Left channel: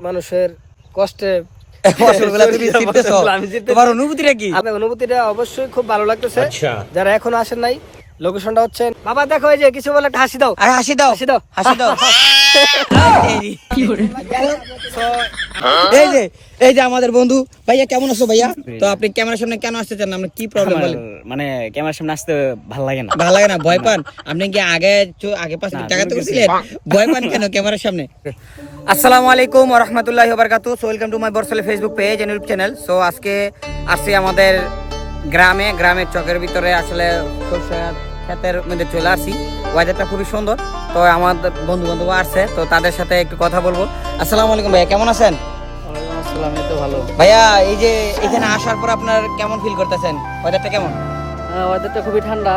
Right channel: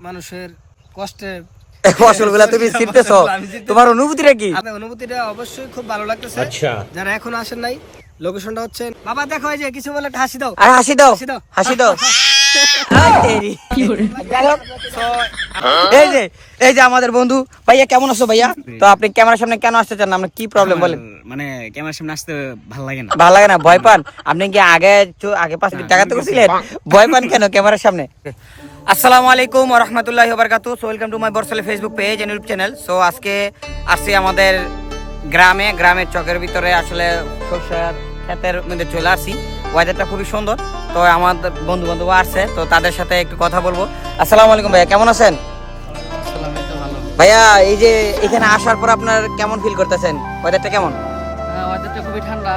মানুষের কষ্টে। তোমার অনুভূতিটা কি? আপনার অনুভূতিটা অবশ্যই খুব ভালো লাগতেছে। আচ্ছা। যারা এখন আসেন নাই লোকেশনটা হচ্ছে বাবা দেখো এই যে কিছু বলে হাসি দাও। হাসি দাও। হাসি দাও। হাসি দাও। এই যে এই যে আমাদের বন্ধু। ভাইয়া কেমন আছো ভাইয়া? তো আপনি ক্যামেরার সামনে কেন আসতে চান না? কি প্রবলেম বলেন? মানে ক্যামেরার সামনে আসতে ভালো লাগে না। ভালো লাগে না ভয় পান? আপনি কি আগে আগে পাশে টাকা তো করছিলেন? ভয় পান কেন ক্যামেরার সামনে? আসসালামু আলাইকুম ওয়া রাহমাতুল্লাহি so welcome to my বরসলে Facebook page and YouTube channel so আজকে আসছি আমাদের গ্রামে গ্রামের চকের ভিতরে। আসলে সরষে ক্ষেতের মধ্যে চলে আসি ওয়েদারটা খুবই সুন্দর। তো আমাদের বন্ধু বান্ধব আসছে তো তাদের সাথে একটু কথা বলব। আসসালামু আলাইকুম ভাইয়া কেমন আছেন? ভাইয়া এই যে এখানে আসার পর আপনার কেমন ফিল করতেছেন? ওয়েদারটা কেমন? হ্যাঁ, ওয়েদারটা খুবই ঠান্ডা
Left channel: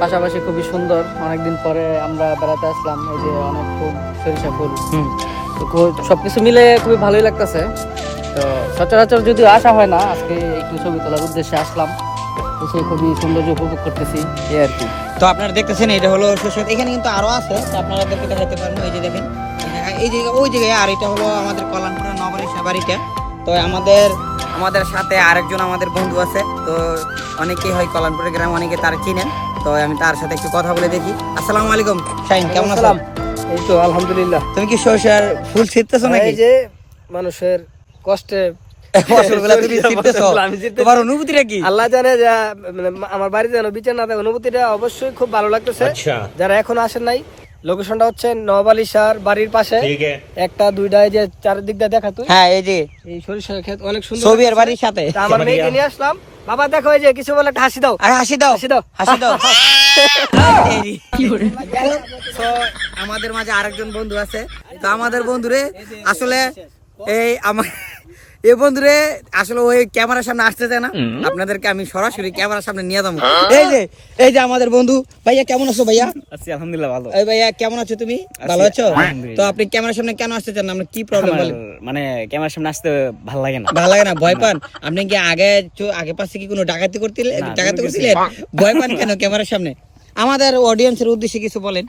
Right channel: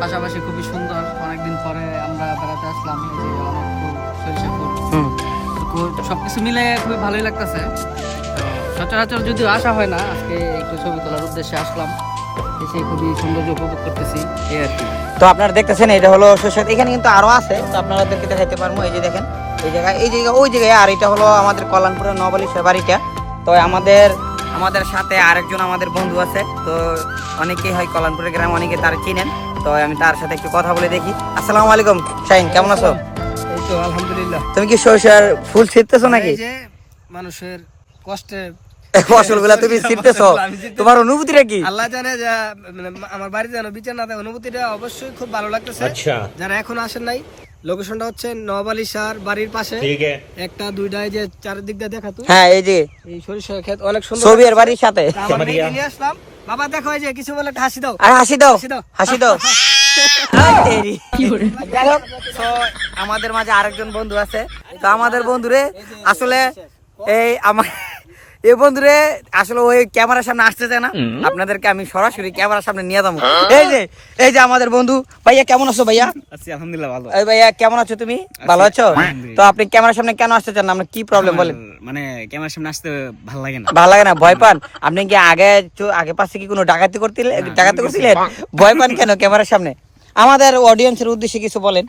পাশাপাশি খুবই সুন্দর। অনেকদিন পরে আমরা বেড়াতে আসলাম এই যে অনেক ফুল সরিষা ফুল। তো সবকিছু মিলে খুবই ভালোই লাগতেছে। তো সচরাচর যদিও আসা হয় না আজকে একটু ছবি তোলার উদ্দেশ্যে আসলাম। এসে খুবই সৌন্দর্য উপভোগ করতেছি এই আর কি। তো আপনারা দেখতেছেন এটা হলো সরষে এখানে কিন্তু আরও আছে তো আপনাদেরকে দেখাইতে পারব। এই যে দেখেন এই জায়গায় এই জায়গা ওই জায়গায় আর এটা হলো আমাদের কল্যাণপুরের নবালি বাড়িটা। তো আমাদের আমাদের সাথে আরেকজন আমাদের বন্ধু আছে তো অনেকেই হয় কল্যাণপুরের গ্রাম অনেকে তার চিনেন। তো আমি তার সাথে একটু কথা বলে দেখি। আসসালামু আলাইকুম শাহিন কেমন আছো। এই তো আলহামদুলিল্লাহ। তুমি কি সরষের ফুল ছিটতেছো নাকি? এই যে মানুষের কষ্টে মানে এখন আসেন নাই হচ্ছে সার বাড়ির পাশে। একটা দুইটা অনেক সুন্দর বাড়ির সাথে। নিয়ে আসলাম। বাবা দেখো যে কিছু বলে হাসি দাও। হাসি দাও। হাসি দাও। হাসি দাও। আমাদের মাঝে আরেকজন বন্ধু আছে। তো আমাদের বন্ধুরে আসলে এই আমার এই বন্ধুরে আসলে ওই ক্যামেরার সামনে আসতে চায় না। আপনাদেরকে আমি সরাসরি ক্যামেরার সামনে নিয়ে যাব। এই যে এই যে আমাদের বন্ধু ভাইয়া কেমন আছো ভাইয়া? আছি আলহামদুলিল্লাহ ভালো। এই ভাইয়া কেমন আছো তুমি? ভালো আছো? তো আপনি ক্যামেরার সামনে কেন আসতে চান না? আপনার কি প্রবলেম বলেন? মানে ক্যামেরার সামনে আসতে ভালো লাগে না। ভালো লাগে না ভয় পান? আপনি কি আগে আগে পাশে কি কোনো ডাকাতি করছিলেন ডাকাতি করছিলেন? ভয় পান কেন ক্যামেরার সামনে? আমাদের অডিয়েন্সের উদ্দেশ্যে কিছু বলেন।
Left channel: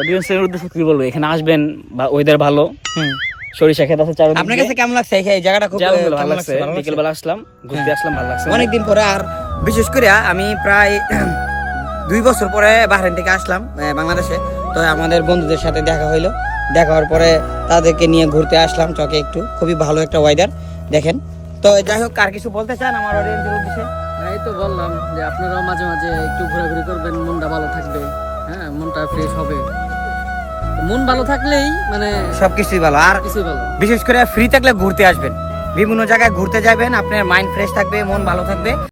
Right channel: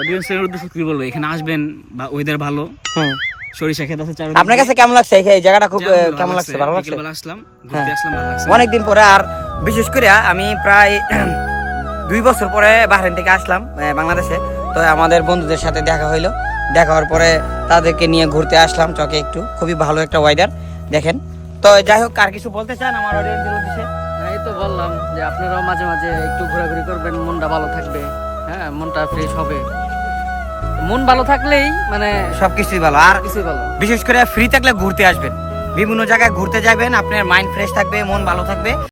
অডিয়েন্সের উদ্দেশ্যে কি বলব? এখানে আসবেন বা ওয়েদার ভালো। হুম। সরিষা ক্ষেত আছে চারদিকে। আপনার কাছে কেমন লাগছে? এই জায়গাটা খুব ভালো লাগছে। লাগছে? বিকেল বেলা আসলাম ঘুরতে আসলাম ভালো লাগছে। অনেকদিন পরে আর বিশেষ করে আমি প্রায় দুই বছর পরে বাহরাইন থেকে আসলাম বাংলাদেশে। তো আমাদের বন্ধুদের সাথে দেখা হইল। দেখা হওয়ার পরে তাদেরকে নিয়ে ঘুরতে আসলাম চকে একটু। খুবই ভালো একটা ওয়েদার দেখেন। তো যাই হোক আর কিছু বলতে চান আমার অডিয়েন্সের উদ্দেশ্যে? এই তো বললাম যে আপনারাও মাঝে মাঝে একটু ঘোরাঘুরি করবেন মনটা ভালো থাকবে। হ্যাঁ মনটা ফ্রেশ হবে। মন ভালো থাকলেই মানে সবকিছুই ভালো। আর কিছুই ভালো। বিশেষ করে ফ্রি থাকলে ঘুরতে আসবেন। বিভিন্ন জায়গায় ঘুরতে যাবেন আপনার মাইন্ড ফ্রেশ থাকবে মন ভালো থাকবে।